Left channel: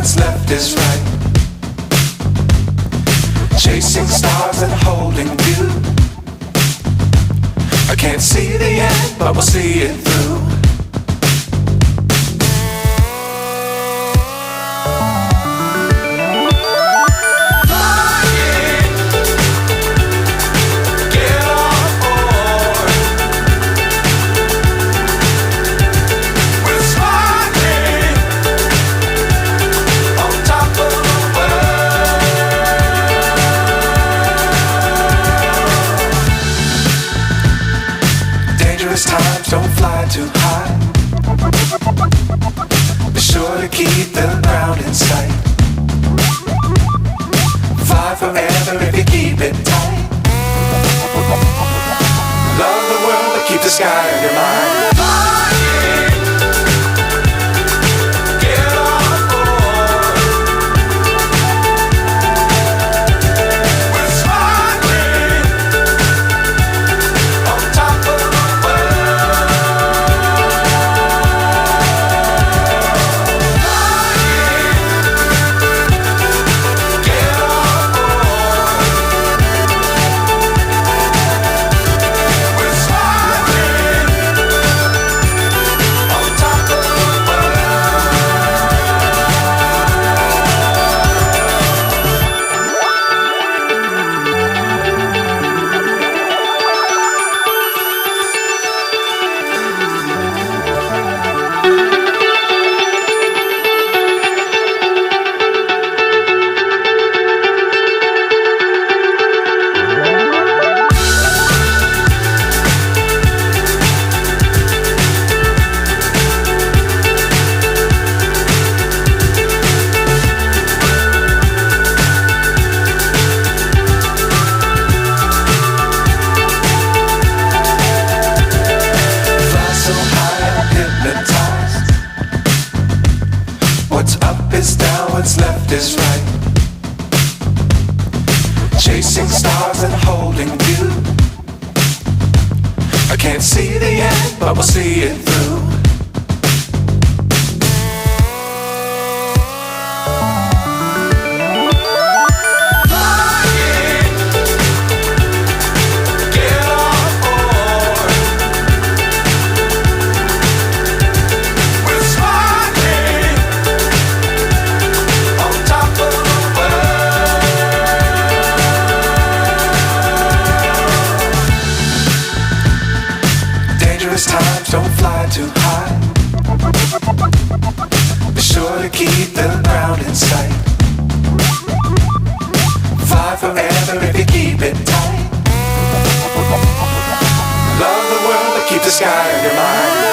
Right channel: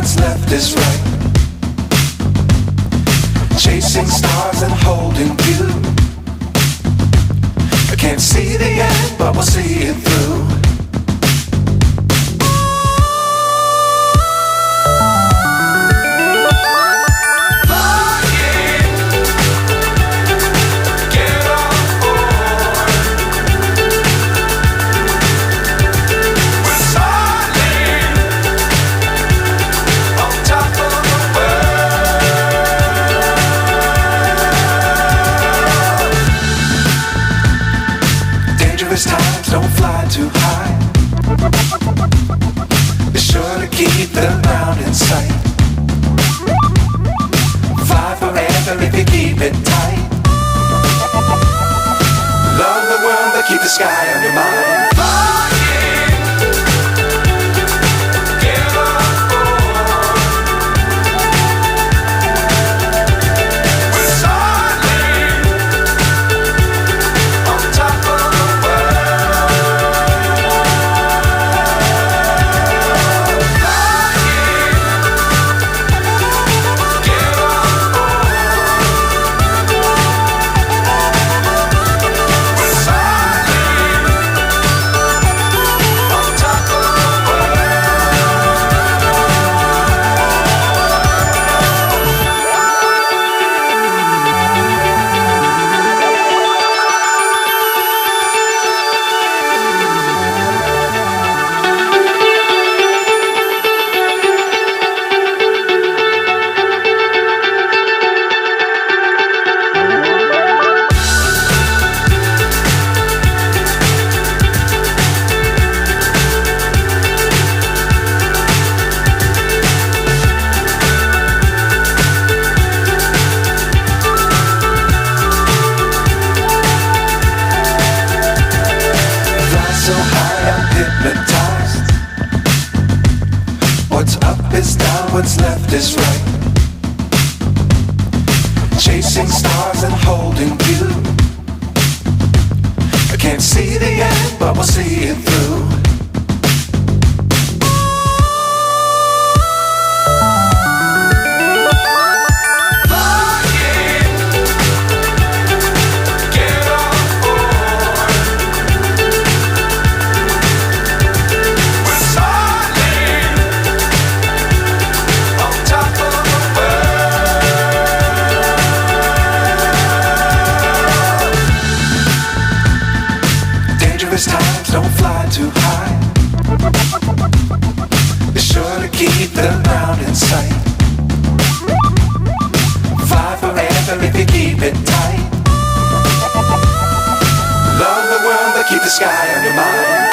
what's left is right. Chasing stars and holding you. I can't see the end, but we'll see it through. Times don't fly too high. Be sure to keep the ground in sight. Fly forever if you keep it tight. Love the world but keep the sky on your mind. So high I'm hypnotized. What's up is down, what's left is right. Chasing stars and holding you. I can't see the end, but we'll see it through. Times don't fly too high. Be sure to keep the ground in sight. Fly forever if you keep it tight. Love the world but keep the sky on your mind.